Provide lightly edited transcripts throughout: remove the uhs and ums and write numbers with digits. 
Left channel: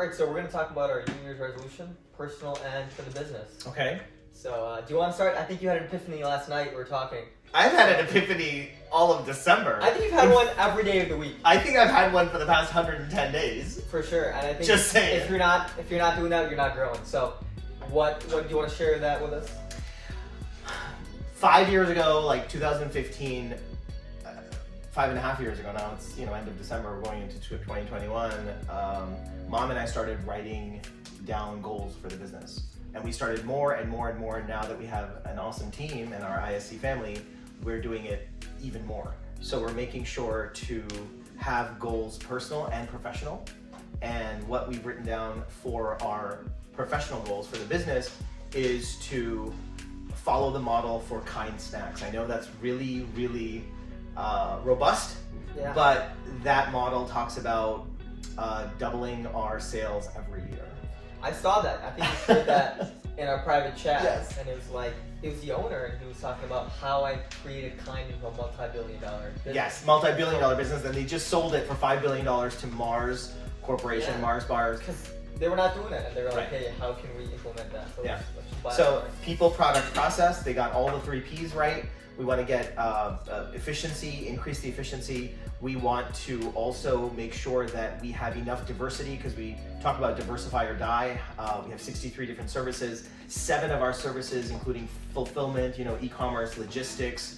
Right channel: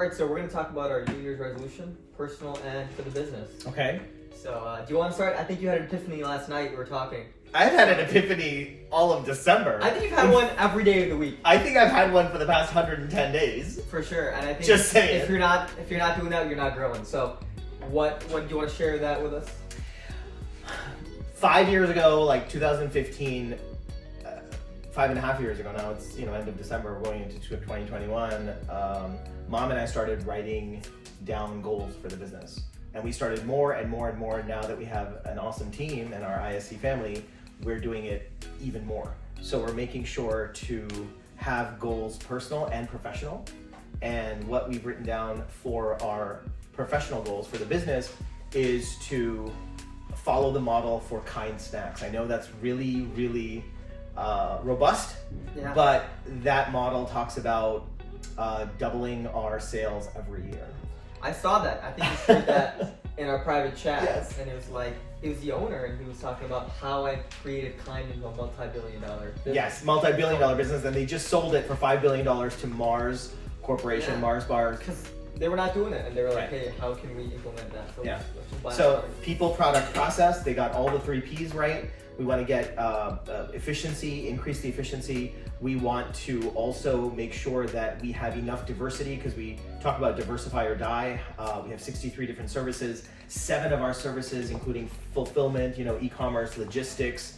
All right, so we're going to talk about our New Year's resolution, personal and for the business. Okay. So do you want to start? I think you had an epiphany last night. We were talking. I've had an epiphany all of December. I think you've had one every day of the week. I think I've had one for the past 110 days. For sure, and I think Just saying. if you're not doing that, you're not growing. So, what do you want to share that with us? 5 years ago, like 2015, 5.5 years ago now, it's end of December, we're going into 2021, Mom and I started writing down goals for the business. And we started more and more and more, and now that we have an awesome team and our ISC family, we're doing it even more. So we're making sure to have goals personal and professional. And what we've written down for our professional goals for the business is to follow the model for kind snacks. I know that's really, really robust, Yeah. but that model talks about doubling our sales every year. I saw that. I think you shared that in our private chat, Yes. and it was the owner, and he was talking about how I created Kind into a multi-billion-dollar business. Yes, multi-billion-dollar business, and they just sold it for $5 billion to Mars Corporation, Yeah. Mars Bars. Because they were not doing it, and they were like, Right. "Hey, how can we implement that?" So Yeah. let's just buy So it. people, product, process, they got all the 3 Ps right. We want to get efficiency, increase the efficiency. We want to also make sure that we have enough diversity, because we talk about diversify or die. We have 63 different services. 7 of our services, including fulfillment, e-commerce, logistics,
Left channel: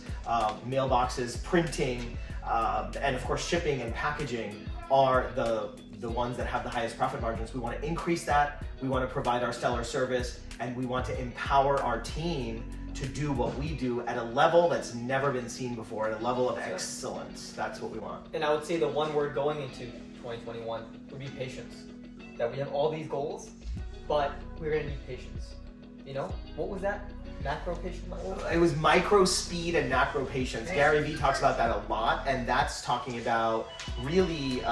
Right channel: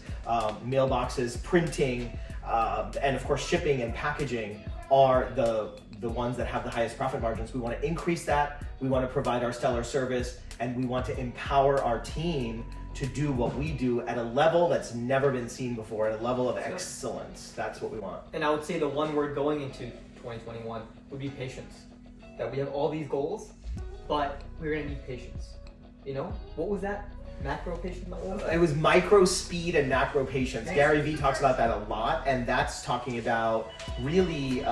mailboxes, printing, and of course shipping and packaging, are the ones that have the highest profit margins. We want to increase that. We want to provide our stellar service, and we want to empower our team to do what we do at a level that's never been seen before, at a level of excellence. That's what we want. And I would say the one word going into 2021 would be patience. That we have all these goals, but we're gonna need patience. What was that? Macro patience? What was that? It was micro speed and macro patience. Thanks. Gary Vee talks about that a lot, and that's talking about really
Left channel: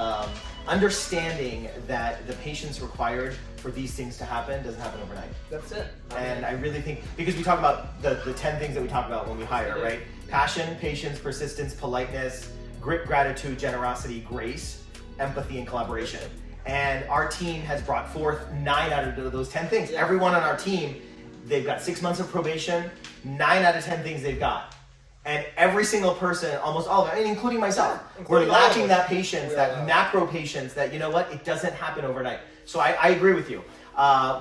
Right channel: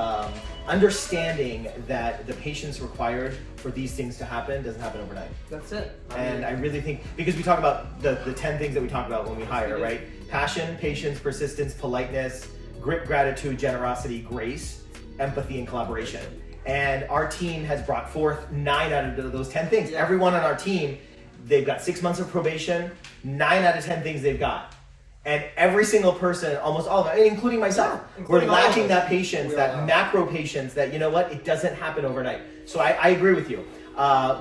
understanding that the patience required for these things to happen doesn't happen overnight. That's it. And I really think, because we talk about the 10 things that we talk about when we hire, do. right? Passion, patience, persistence, politeness, grit, gratitude, generosity, grace, empathy, and collaboration. And our team has brought forth 9 out of those 10 things. Yeah. Everyone on our team, they've got 6 months of probation, 9 out of 10 things they've got. And every single person, almost all of them, including myself, Including we're all of lacking us. that patience, We that are. macro patience, that it doesn't happen overnight. So I agree with you.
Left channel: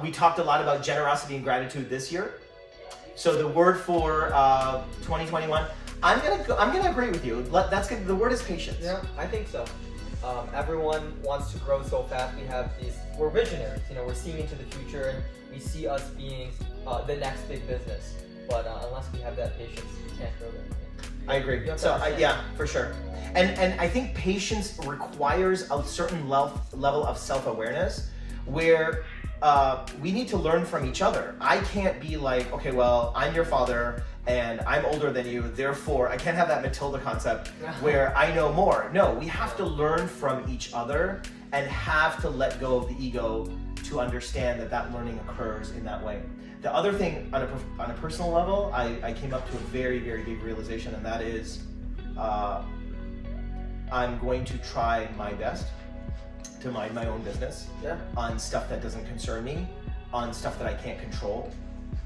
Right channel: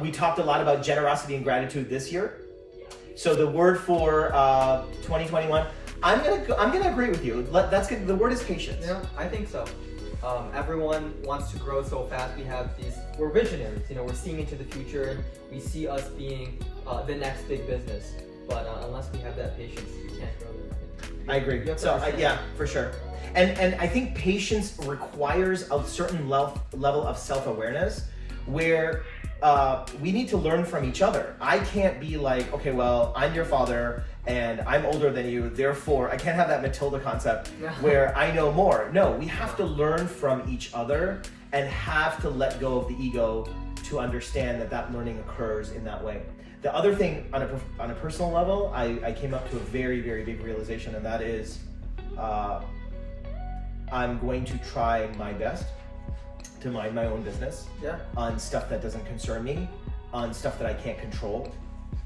We talked a lot about generosity and gratitude this year. So the word for 2021, I'm gonna agree with you. That's good. The word is patience. Yeah, I think so. Everyone wants to grow so fast. We're visionaries. We're seeing into the future, and we see us being the next big business. But unless we have that patience, we can't grow anything. I agree. You have to So understand yeah, for sure. And I think patience requires a certain level of self-awareness, where we need to learn from each other. I can't be like, okay, well, I'm your father and I'm older than you, therefore I can't have that Matilda concept where I know more. No, we have to learn from each other and have to let go of the ego to understand that learning occurs in that way. The other thing, on a personal level, I came up to a very, very big realization, and that is I'm going to try my best to mind my own business on stuff that doesn't concern me, on stuff that I can't control.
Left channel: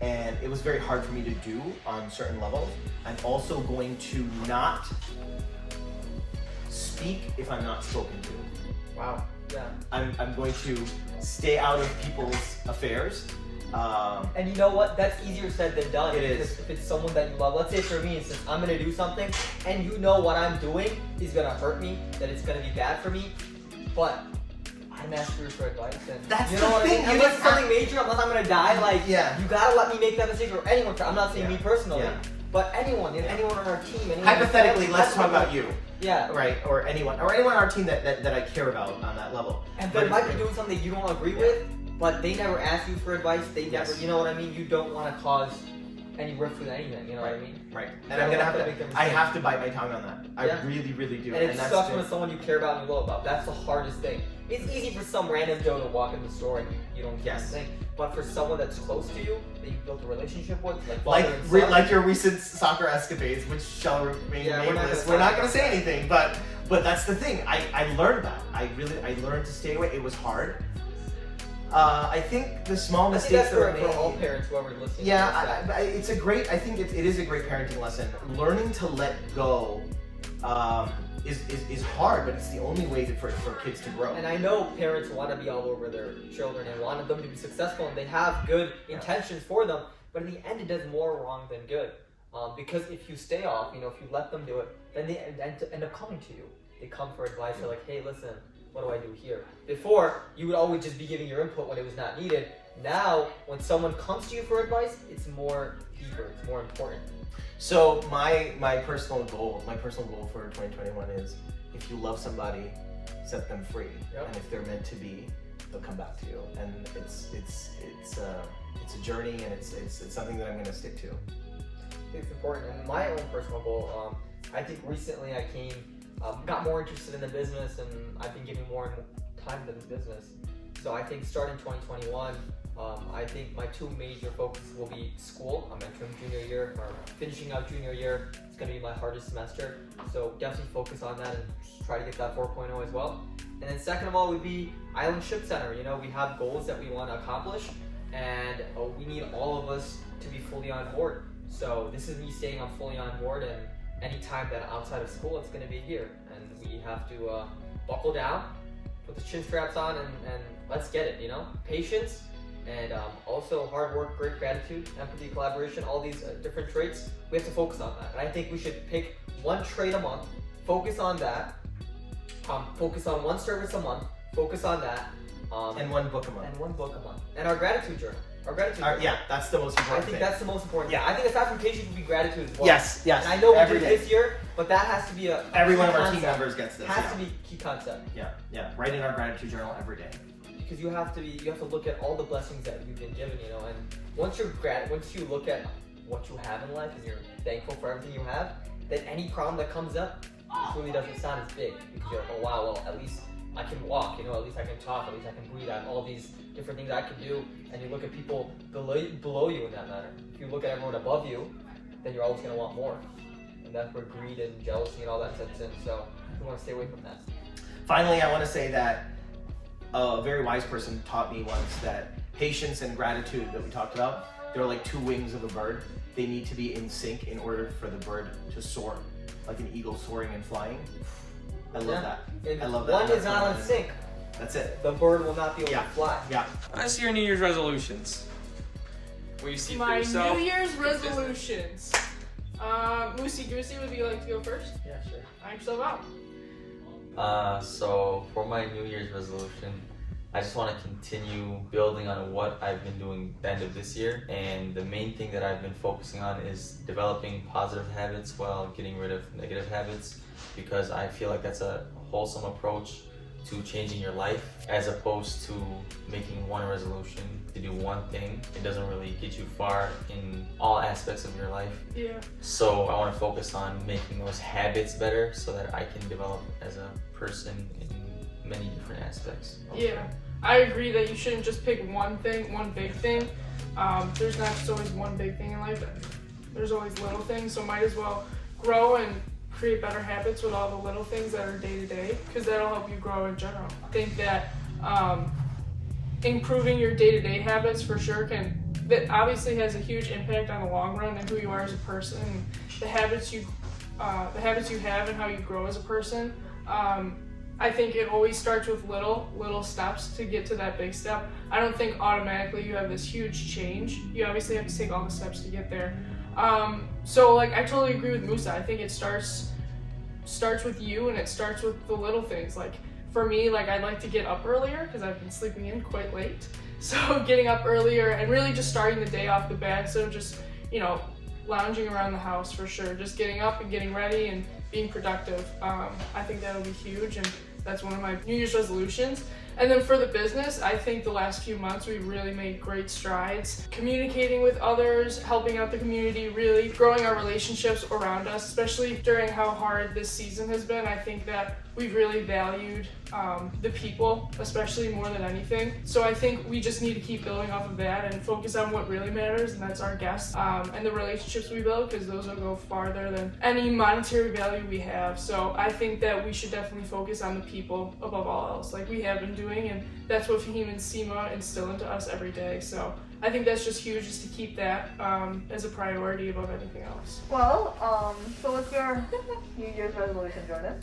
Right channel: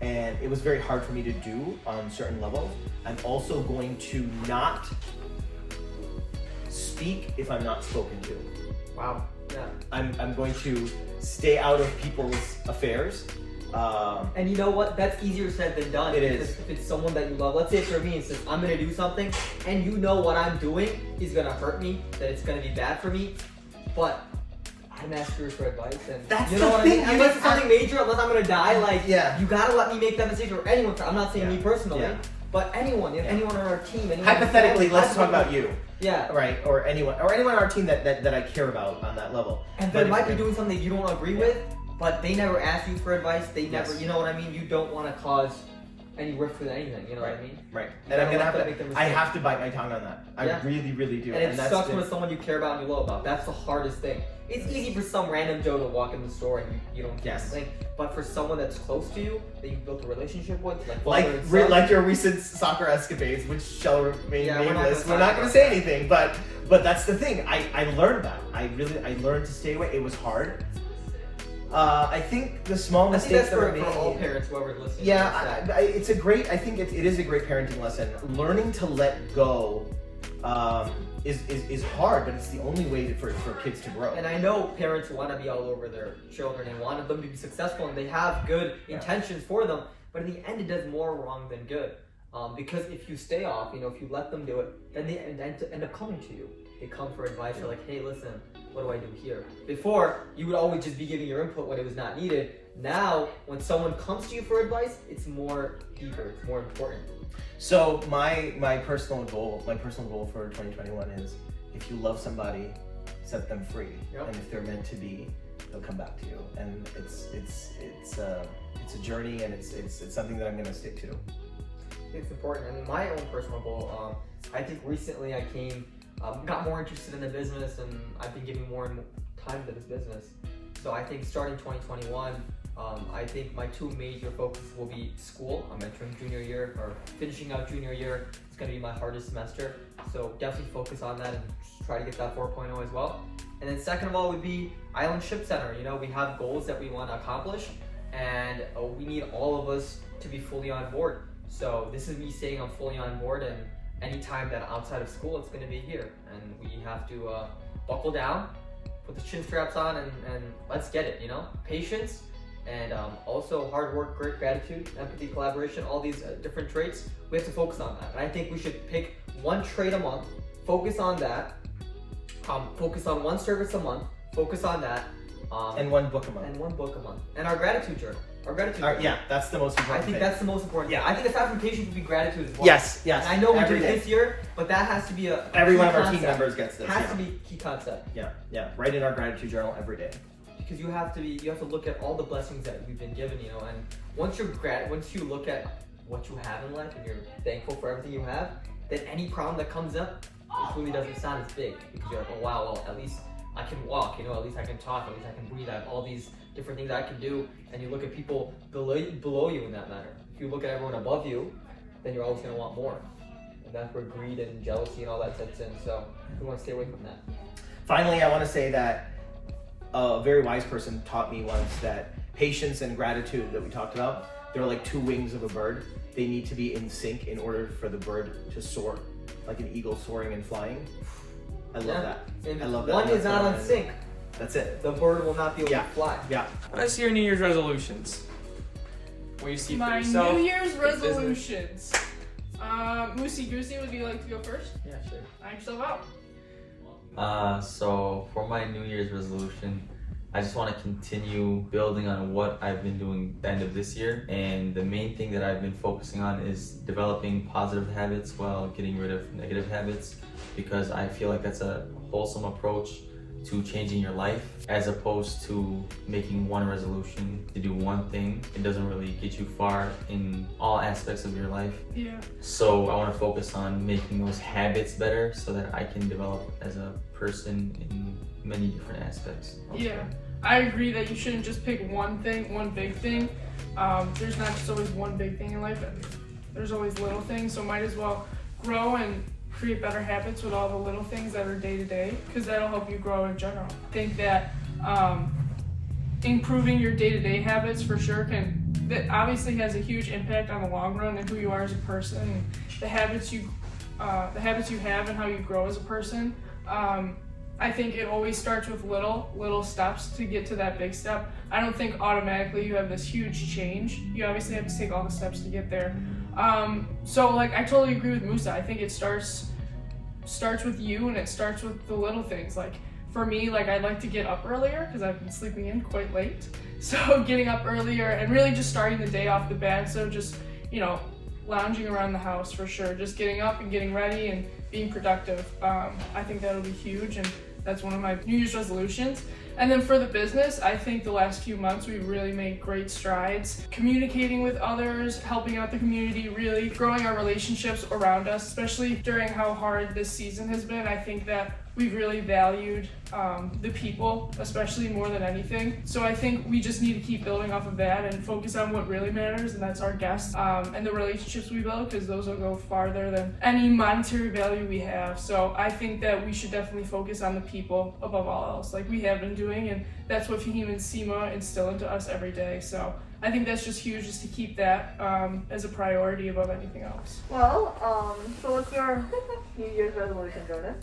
And it was very hard for me to do on certain levels. I'm also going to not speak if I'm not spoken to. Wow. Yeah. I'm going to stay out of people's affairs. And you know what? That's easier said than done. It because is. if it's someone that you love, let's say for me, it says I'm gonna do something, and what I'm doing is gonna hurt me, that it's gonna be bad for me, but I didn't ask you for advice, and That's you know the what I thing, mean? you Unless just it's something major, unless I'm gonna die, you gotta let me make that mistake, or anyone. I'm not saying me personally, but anyone on our team. Hypothetically, let's talk about you. Yeah. Right, or anyone on our team that I care about on that level. And they might be doing something you don't agree with, but they never ask you for advice. They never, you know what I mean? You don't want to cause any rift with anything, you know what I mean? Right. You And I'm don't gonna make them I mistake. have to bite my tongue on that. I really, really do. And it that's sucks when it's someone you care about and you love about. That's the hardest thing. It's easy for some random Joe to walk in the store and you don't get anything. But for someone that's close to you, that you've built a relationship with, like your recent soccer escapades, which shall remain nameless. We're not gonna say anything, but that's the thing. I learned that. I learned to stay away. It was hard. I think the small I think mistakes that's that are for made. all parents, whoever's listening. Yeah, it's a great. I think it is a great parenting lesson. Learning to let go is hard, but it's the only way for kids to grow. And I know parents want to be all over their children and want them to be successful, and they have good intentions for them. But in the end, it does more wrong than good. Because if you stay off, if you let them do it, then they end up coming to you. They come for advice. They're like, hey, listen, what do I do here? Before, you would always just be giving your input when it was not needed. Now, when someone comes to you for advice, it's more deeper, it's more important. So my personal goal for 2021 is, if you love somebody, set them free. Yep. And if they're meant to be, they'll come back to you. And it's a journey, and it's something that I'm going to stick to. It's important. And my own personal goal, I think recently I got more interested in the business, and I've been giving more and more time to this business. So I think starting 2021, I think my two major focuses will be school. I'm entering junior year, or finishing out junior year. It's going to be my hardest semester. So definitely focus on that and try to get that 4.0 as well. And then second of all would be Ship Center. We have goals that we want to accomplish, and we need all of us to be fully on board. So this is me saying I'm fully on board, and anytime that outside of school, it's going to be here. And we have to buckle down, put the chin straps on, and let's get it, Patience, and also hard work, great gratitude, empathy, collaboration, all these different traits. We have to focus on that. And I think we should pick one trait a month, focus on that, focus on one service a month, focus on that. And one book a month. And our gratitude journal. Yeah, that's the most important thing. That's the most important thing. I think aside from patience would be gratitude as well. Yes. And I know we did this year, but that has to be every one of our team members gets this. Has to be key concept. Yeah. Write in our gratitude journal every day. Because you have to look at all the blessings that you've been given, and once you look at what you have in life and you're thankful for everything you have, then any problem that comes up, it really doesn't sound as big, because you're like, oh wow, well at least I can walk, at least I can talk, at least I can breathe, I have all these different things I can do. And you look at people below you in that matter. If you look at everyone above you, then you're always going to want more. And that's where greed and jealousy and all that sets in. So we want to stay away from that. Finally, I want to say that a very wise person taught me once that patience and gratitude that we talked about, they're like two wings of a bird. They need to be in sync in order for the bird to soar, like an eagle soaring and flying. I love that. I love that. One is not on sync. That's it. The bird will not be able to fly. Yeah. I see your New Year's resolutions. What do you see for My yourself? New Year's resolutions. Moosey Goosey, would you like to go first? Yeah, sure. Knock yourself out. So for my New Year's resolution, I just want to continue building on what I've been doing at the end of this year. And the main thing that I've been focusing on is developing positive habits while getting rid of negative habits, because I feel like that's a wholesome approach to changing your life, as opposed to making one resolution to do one thing. It doesn't really get you far in all aspects of your life. Yeah. So I want to focus on making those habits better so that I can develop as a person in many different aspects. Yeah. I agree that you shouldn't just pick one thing, one big thing. There's not just always one big thing in life. There's always little things, so might as well grow and create better habits with all the little things that are day to day, because that'll help you grow in general. I think that improving your day-to-day habits for sure that obviously has a huge impact on the long run and who you are as a person, and the habits you have and how you grow as a person. I think it always starts with little steps to get to that big step. I don't think automatically you have this huge change. You obviously have to take all the steps to get there. So like I totally agree with Musa. I think it starts with you, and it starts with the little things. Like for me, like I like to get up earlier because I've been sleeping in quite late. So getting up earlier and really just starting the day off the bat. So just, lounging around the house for sure. Just getting up and getting ready and being productive. I think that'll be huge, and that's one of my New Year's resolutions. And then for the business, I think the last few months we've really made great strides. Communicating with others, helping out the community, really growing our relationships around us, especially during how hard this season has been. I think that we've really valued the people, especially more than anything. So I think we just need to keep building off of that and focus on what really matters, and that's our guests and the relationships we build, because those will go farther than any monetary value we have. So I think that we should definitely focus on the people above all else, like we have been doing, and that's what Fahim and Seema instill into us every day. So I think that's just huge, just to keep that as a priority above anything else. Well, so what's your New Year's resolution, Jordan?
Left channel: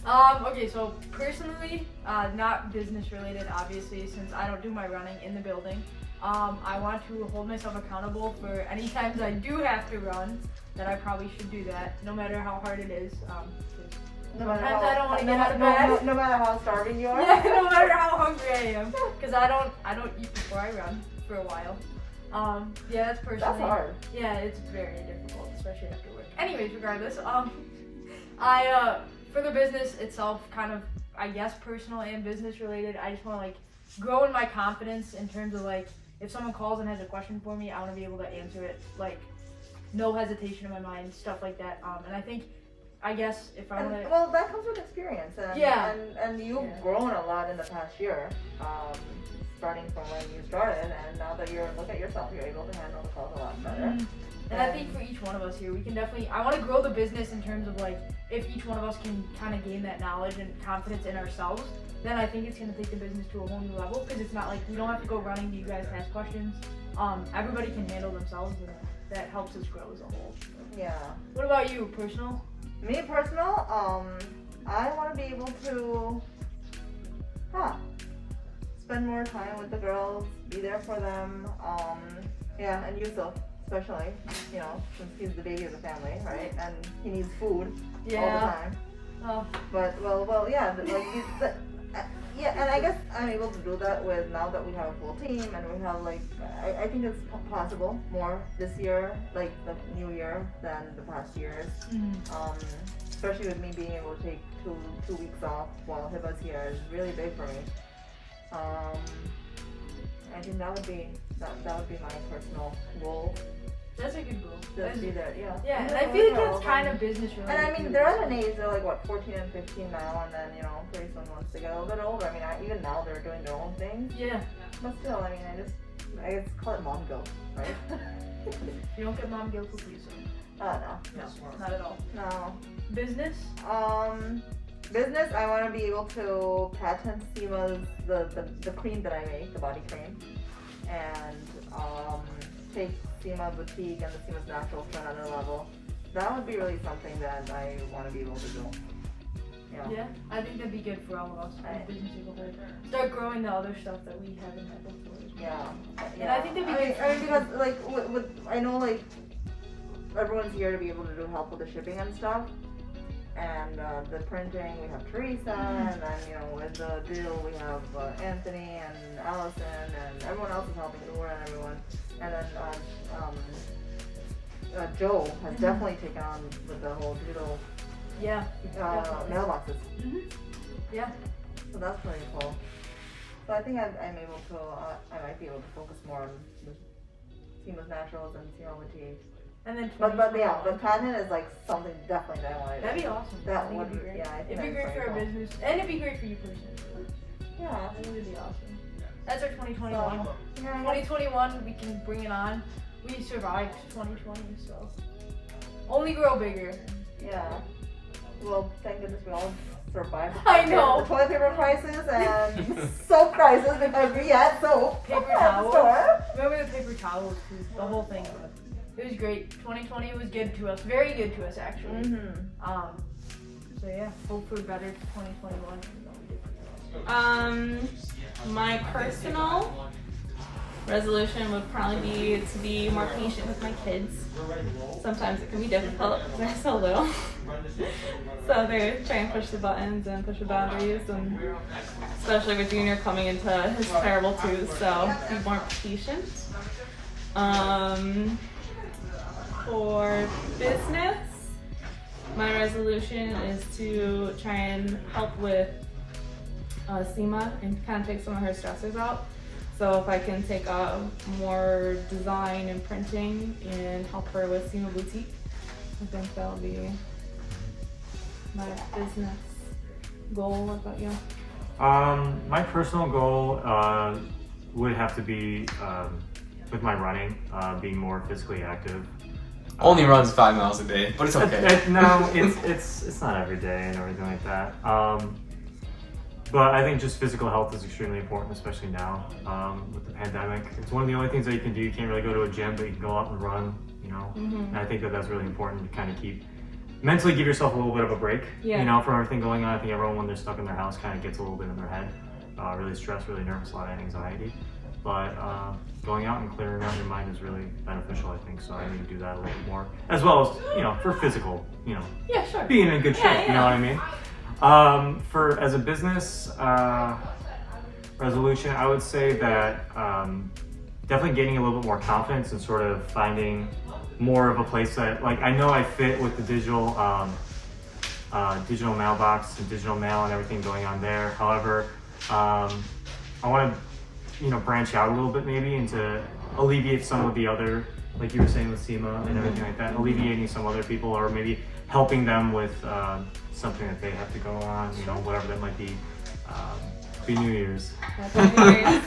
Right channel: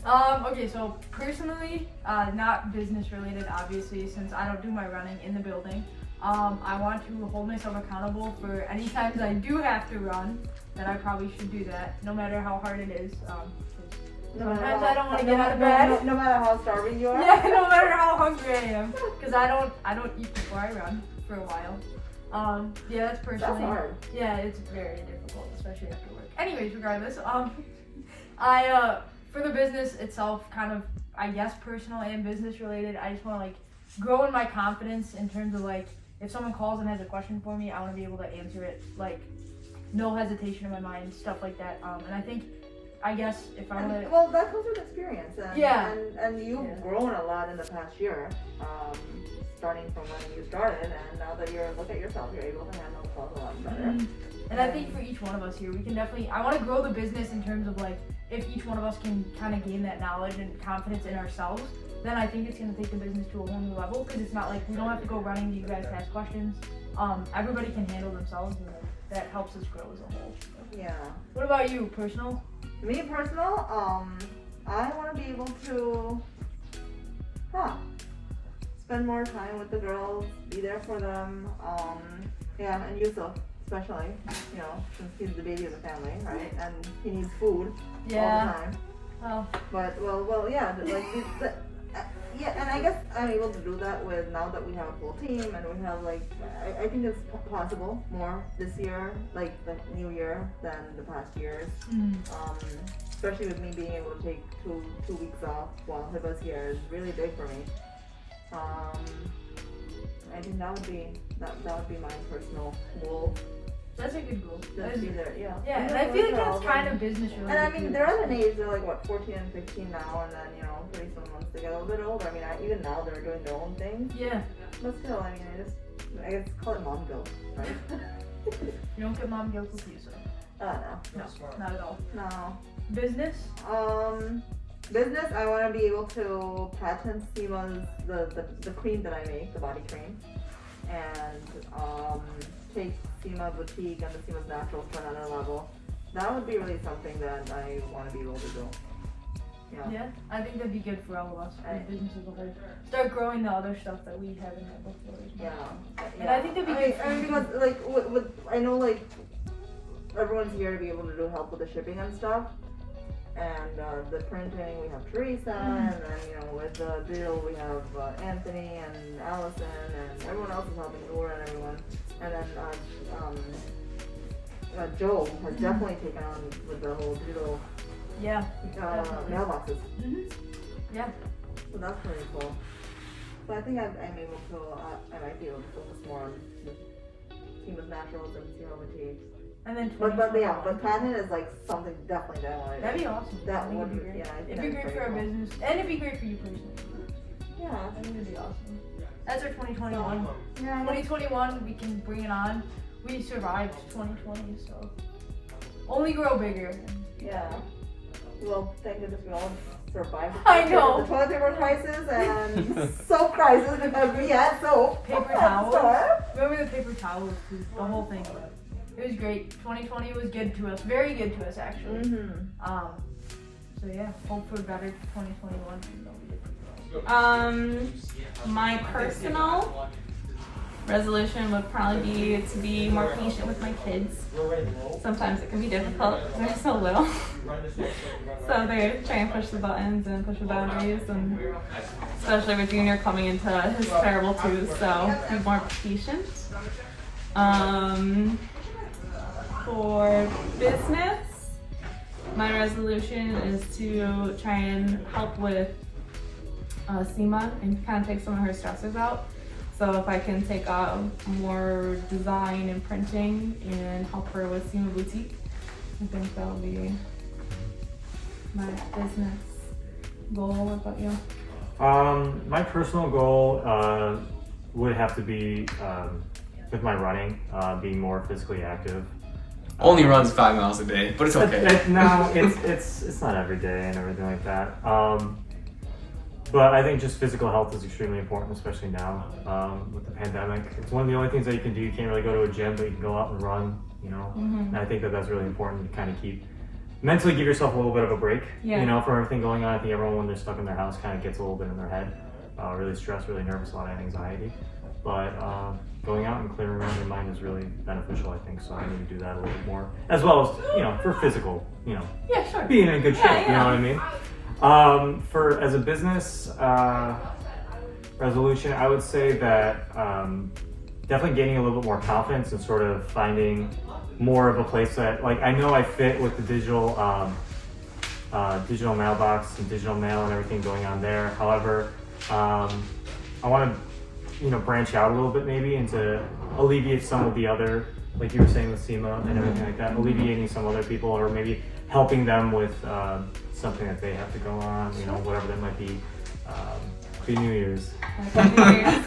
Okay, so personally, not business related, obviously, since I don't do my running in the building. I want to hold myself accountable for any times I do have to run, that I probably should do that, no matter how hard it is. Sometimes I don't want to get out of bed. No matter how starving you are? Yeah, no matter how hungry I am, because I don't eat before I run for a while. Yeah, that's personally. That's hard. Yeah, it's very difficult, especially after work. Anyways, regardless, for the business itself, kind of, I guess, personal and business related, I just want to like grow in my confidence in terms of like, if someone calls and has a question for me, I want to be able to answer it, like, no hesitation in my mind, stuff like that. And I think, I guess, if I want to. Well, that comes with experience. And, Yeah. And you've grown a lot in the past year. Starting from when you started, and now that look at yourself, you're able to handle the calls a lot better. Mm-hmm. And I think for each one of us here, we can definitely, I want to grow the business in terms of like, if each one of us can kind of gain that knowledge and confidence in ourselves, then I think it's going to take the business to a whole new level, because it's not like we don't have to go running to you guys to ask questions. Everybody can handle themselves, and that helps us grow as a whole. Yeah. What about you, personal? Me personal, I want to be able to, spend more time with the girls, be there for them. Yeah, and Yusuf, especially, since he's the baby of the family, right? And he needs food all the time. Oh. But well, yeah, yeah, and I guess I'm able to do that with, now that we have a full team and we have like, I think it's possible more this year, like the new year, than the past years. Especially with me being able to take two weeks off while Hiba's here is really big for me. I think that would be my personal goal. That's a good goal. Just be there, yeah. Yeah, and I feel like that's kind of business related. And I mean, they're at an age, they're like, what, 14 and 15 now, and then, pretty soon once they get a little bit older, I mean, even now they're doing their own things. Yeah. But still, I mean, I guess call it mom guilt, right? You don't get mom guilt with you, so. No, not at all. No. Business? Business, I want to be able to patent Seema's, the cream that I make, the body cream, and take Seema Boutique and the Seema's Naturals to another level. That would be really something that I want to be able to do. Yeah, I think that'd be good for all of us, for the business as a whole. Start growing the other stuff that we haven't had before. And I think that'd be good. I mean, because like with I know like everyone's here to be able to do help with the shipping and stuff. And the printing, we have Theresa, and then with the deal we have Anthony and Allyson, and everyone else is helping, Nora and everyone. And then Joe has definitely taken on with the whole digital mailboxes. Yeah. So that's pretty cool. So I think I'm able to, I might be able to focus more on the Seema's Naturals and Seema Boutique. And then but patent is like something definitely that I want to do. That'd be awesome. That would be great. Yeah, I think it'd be great for our business, and it'd be great for you personally. Yeah, I think it'd be awesome. That's our 2021. So, 2021, we can bring it on. We survived 2020, so only grow bigger. Yeah. Well, thank goodness we all survived I know. the toilet paper crisis and soap crisis, because we had soap. Paper towels. Remember the paper towels too? The whole thing. It was great. 2020 was good to us. Very good to us, actually. So yeah, hope for better 2021. Even though we did pretty well. My personal resolution would probably be to be more patient with my kids. Sometimes it can be difficult because they're so little. So they try and push the buttons and push the boundaries, and especially with Junior coming into his terrible twos, so be more patient. For business, my resolution is to try and help with Seema and kind of take some of her stressors out. So if I can take more design and printing and help her with Seema Boutique, I think that'll be my business goal? What about you? My personal goal would have to be with my running, being more physically active. Only runs 5 miles a day, but it's okay. No, it's not every day and everything like that. But I think just physical health is extremely important, especially now with the pandemic. It's one of the only things that you can do. You can't really go to a gym, but you can go out and run. You know, and I think that that's really important to kind of mentally give yourself a little bit of a break. Yeah. You know, from everything going on. I think everyone when they're stuck in their house kind of gets a little bit in their head, really stressed, really nervous, a lot of anxiety. But going out and clearing out your mind is really beneficial, I think. So I need to do that a little bit more, as well as for physical, Yeah, sure. being in good shape. Yeah, You know what I mean? As a business resolution, I would say that definitely gaining a little bit more confidence and sort of finding more of a place that, like, I know I fit with the digital mailbox and digital mail and everything going on there. However, I want to branch out a little bit, maybe, and to alleviate some of the other, like you were saying with Seema and everything like that, alleviating some other people, or maybe helping them with something that they have to go on, whatever that might be. Happy New Year's. Happy New Year's.